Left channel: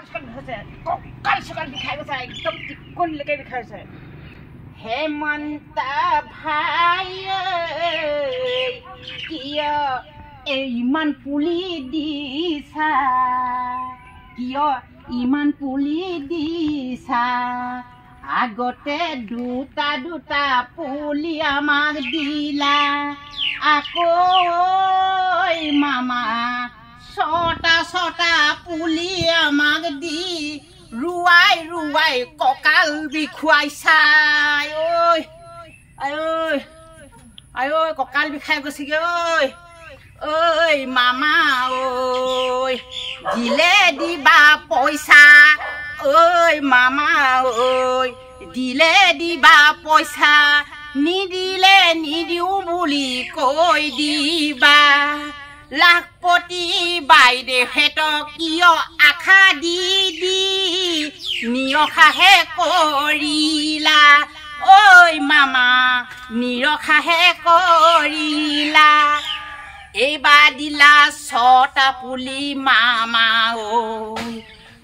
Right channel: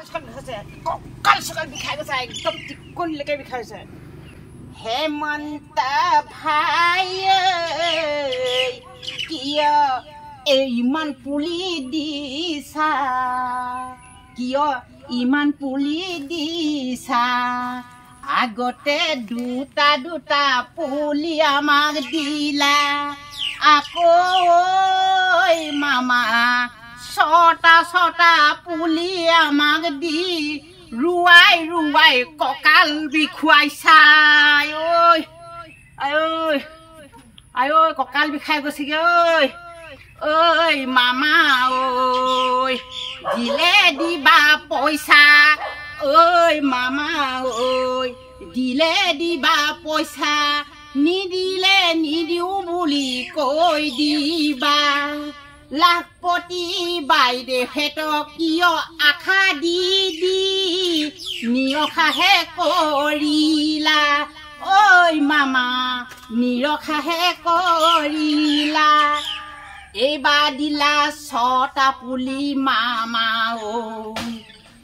কঁকাল চকাল বিষাই গৈছে একদম টিকনিলৈকে বিষাই গৈছে হেমন্ত ভাই কিয় ইমান পুলি দিছা কিয় ইমান পুলি দিছা আগতে দুটা দুটা পুলি আমাক দিলা আকৌ মামা ছটা ছটা পুলি আমাক দি ৰুৱাই ৰুৱাই কঁকাল বিষুৱাইছা ঐ আই ঐ কঁকাল বিষাই গৈছেগৈ ঐ মামা ঐ দিলে দিবা পইচা ঐ মামা ঐ দিলে দিবা পইচা নিদিলে নিদিওঁ বুলি কৈ দিবা লাখপতি বাইদেউহেঁতক কিয় আশা দি দি নিৰখাহে কৰিলা ঐ মামা নিৰখাহে কৰিলা এইবাৰ দিলা ছটা পুলি মামা ঐ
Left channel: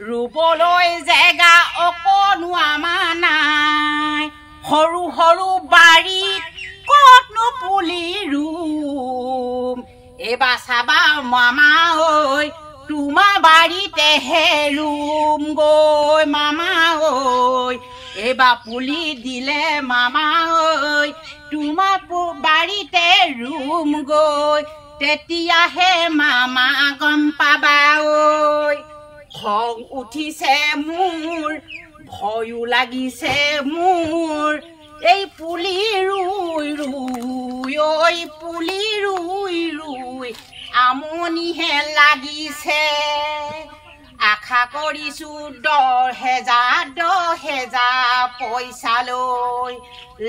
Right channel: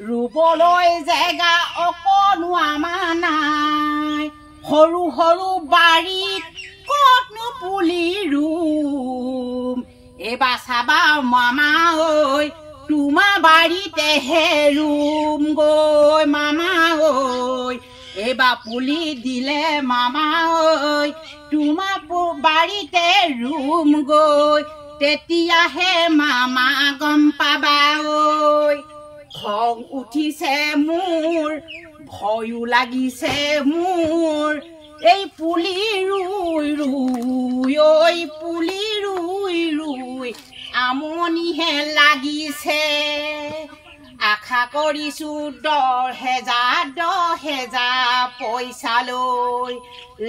ৰুবলৈ জেগা অকণো আমাৰ নাই সৰু সৰু বাৰীত ক'তনো পুলি ৰুম এইবাৰ চাবা মামা ঐ তোমাৰ বাৰীতেহে ৰুম গৈ মামা ঐ এইবাৰ পুলি দিলে মামা ঐ তোমাৰ বাৰীতে ৰুম গৈ তেতিয়াহে মামা গম পাবা ঐ খং উঠিছে মোৰ ভয়ো লাগিছে মোৰ এই পুলি ৰুই ৰুই ঐ পুলি ৰুই ৰুই আমনিহে লাগিছে আশা কৰিছো 10,000 পইচা লৈ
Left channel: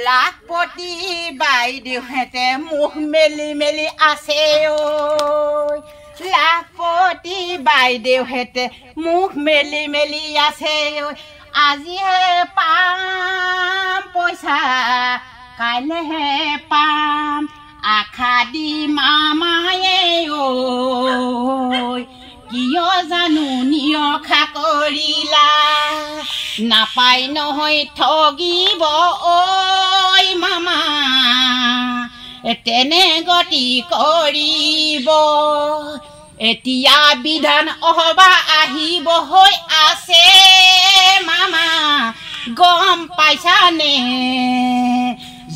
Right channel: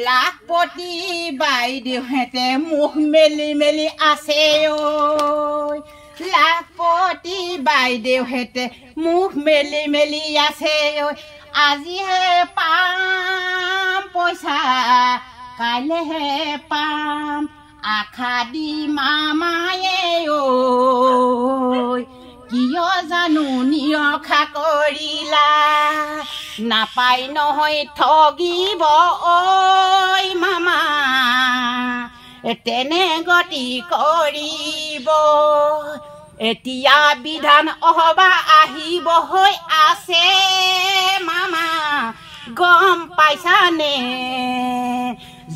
লাখপতি বাইদেউহেঁতে মুখ মেলি মেলি আছে ঐ লাখপতি বাইদেউহেঁতে মুখ মেলি মেলি আছে ঐ আজিহে পাম পইচা কাইলেহে পাম আশা দি মামায়ে ঐ কিয় জানো নিৰখা কৰিলা নাপাই নহয় ঠগিব ঐ মামা তেনে গতি কৰিব এতিয়া বিধান সভা আহিব হৈ আছে মামা গম পাইছানে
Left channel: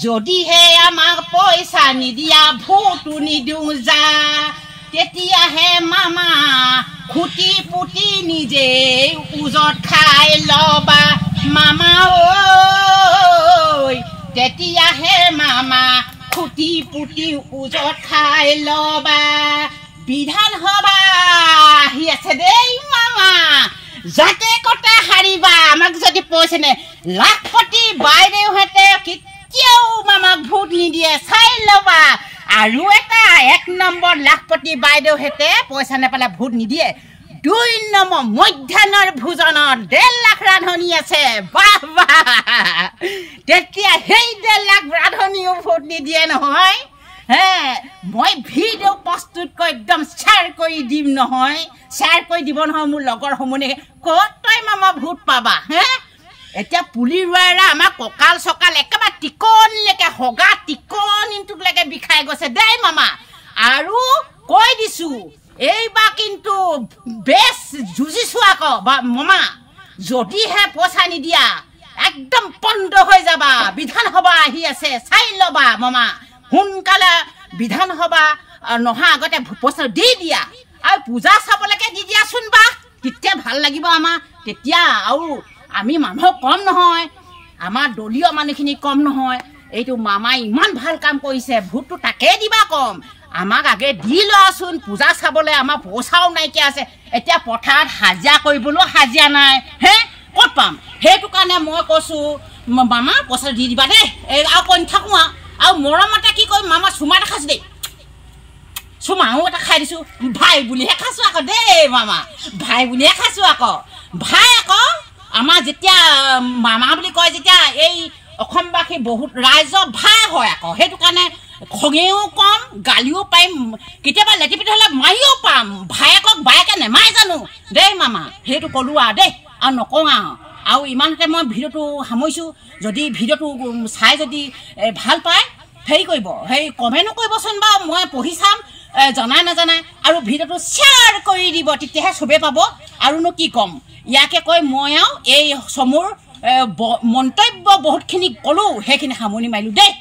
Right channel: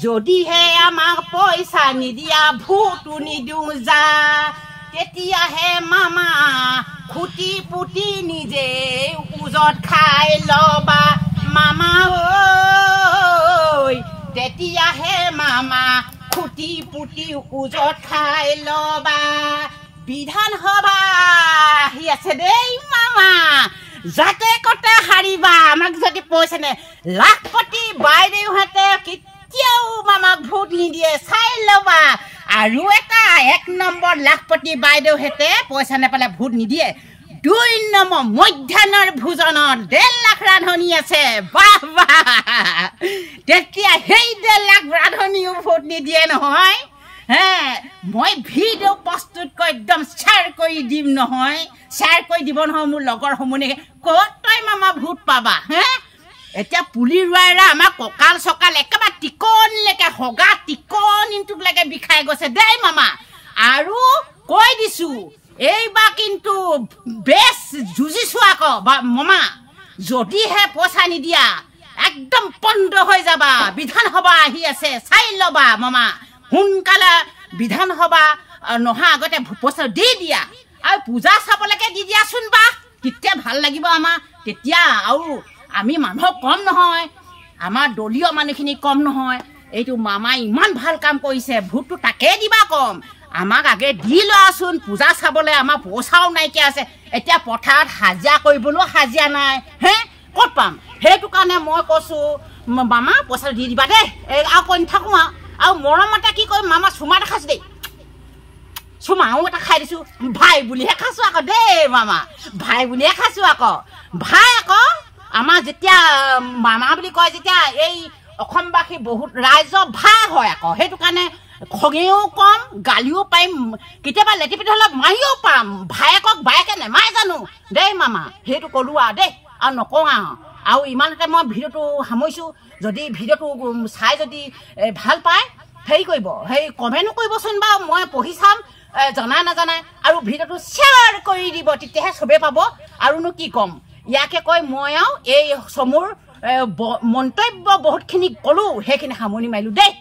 যদিহে আমাক পইচা নিদিয়া ভোটো নিদিওঁ যা তেতিয়াহে মামা খুটি পুটি নিজে উজত খাই ল'বা মামা ঐ তেতিয়াহে মামা খুটি পুটি উজত খাই ল'বা বিধান সভা আহি আছে দেই মামা যাতে কতে হাৰিবা আমাক যদি পইচা নে লাখপতি বাইদেউহেঁতে কেতিয়াও মামাক ভোট নিদিয়ে চাই ল'বা আৰু এটা 1 নম্বৰ লাখপতি বাইদেউহেঁতে পইচা নেপালে ভোট নিদিয়ে 2 নম্বৰ মধ্যাহ্নৰ ভোজনত 1.5 লাখ ৰান্ধনি আছে বাহ বাহ তেতিয়া সেই 1.5 লাখ ৰান্ধনিও ভোট নিদিয়ে নহয় হে মই ভিডিঅ' প্ৰস্তুত কৰি একদম শ্বেয়াৰ কৰি দিম নহয় শ্বেয়াৰ কৰি দিব নহয় মোৰ লগৰ সমুনে ক'ত তই মামা ভোট পাবা হে এতিয়া পুলি ৰুৱাইৰা আমাৰ কঁকাল চকাল একেবাৰে টিকনিলৈকে হগা টিকনিটোলৈকে বিষাই গৈছে দেই মামা আৰু কৈ দিছোঁ এইবাৰ কিন্তু বেছ যুঁজিছোঁ আকৌ মামা যদিহে পইচা নিদিয়া একদম বন্ধ হৈ যাবা বিধান সভা আহি আছে চাই ল'বা মামা সোনকালে বিধান সভা নহা আগতে পইচা দি দিয়া আৰু পূজা চাবলৈকে দি দিয়াচোন বা তেতিয়া ভাল লাগিব আমাৰ তেতিয়া আৰু আমি মানুহ কম নহয় আমাৰ দলীয় মানুহখিনি কম নহয় এইটো মামাই ইমান ভাল কাম কৰিছে ভোটটো তাকে দিবা কম আমাক আগে দি লোৱাচোন পূজা চাবলৈ আমাৰ পইচাও নাইকিয়া আছে এতিয়া পথাৰত হাজিৰা কৰিবলৈও হাজিৰা নাই হে ক'ত পাম সেইটো কাৰণে মই কৈছোঁ মামা পইচা দি দিবা দেই আৰু কৈ নাথাকোঁ আৰু মৰমতে কি কৰিম মামা চুমা এটা খাইছোঁ দেই চুমাও এটা খাই দিছোঁ ভাই বুলিহে খাইছোঁ আকৌ দেই মামা ভাই বুলিহে খাইছোঁ আকৌ ভাই আকৌ আমাৰ যেতিয়া মামা বুলি কয় যেতিয়া এই অসমবাসী বহুত ৰাইজৰ ভাই হয় আকৌ সেইটো কাৰণে খঙেও কম গালিও পাৰিম কেতিয়াবা লেটিপিটি হ'লে মাৰিও পাম ভায়েকক বায়েকে নেমাৰে জানো দেই মামা সেইটো ক'লোঁ আৰু দেই আৰু নকওঁ আৰু ইমানতে মই ভিডিঅ'টো সামৰিছোঁ যদি ভিডিঅ'টো চাই যদি ভাল পায় হেৰি কৰিব সেই কমেণ্টো কৰিবচোন বাৰু মই পঢ়ি চাম জনাই নাজানাই আৰু ভিডিঅ'টো শ্বেয়াৰ কৰি দিব তেতিয়াহে চবেই পাব আৰুনো কি ক'ম ইয়াকে কৈ মই আৰু এই চমুৰ মন্তব্য বহুতখিনি ক'লোঁ সেইখিনি সামৰণি মাৰিলোঁ দেই।